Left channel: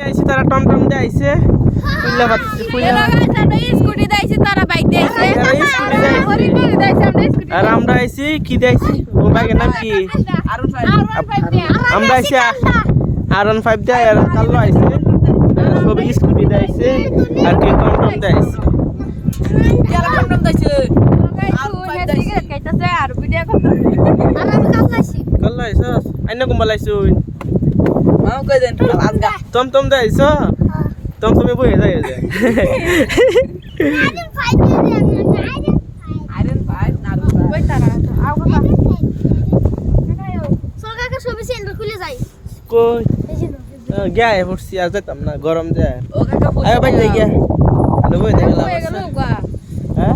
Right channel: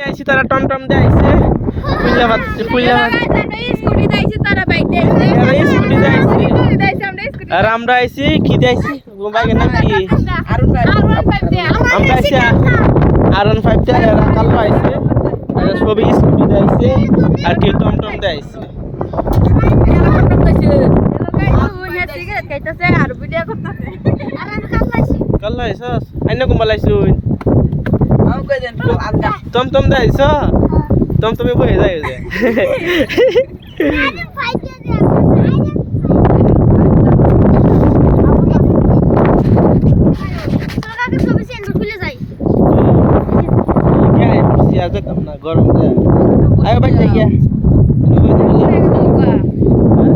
আইছি তারা টমটম দিয়ে আইছে পুইলা ভাত স্কুটি দাইছে তারা বাইক দিয়েছে এরা স্কুটি দিয়ে আইছে আর আমরা আইছি কি দিয়ে আইছি ও বাইকের নাম কি আমরা আইছি আর1 5 দিয়ে এরা কালো আইছে আর সবই স্কুটি দিয়ে আইছে আর কি টমটম দিয়ে আইছে কালো আইছস আইনা কুম্বাল আইছুন টমটম দিয়ে আইছ টমটমে বয়ে যায় যে क्या है मुझसे आज तक अपना गरम जाए आयो भाई ले गया लो भाई देख लो हां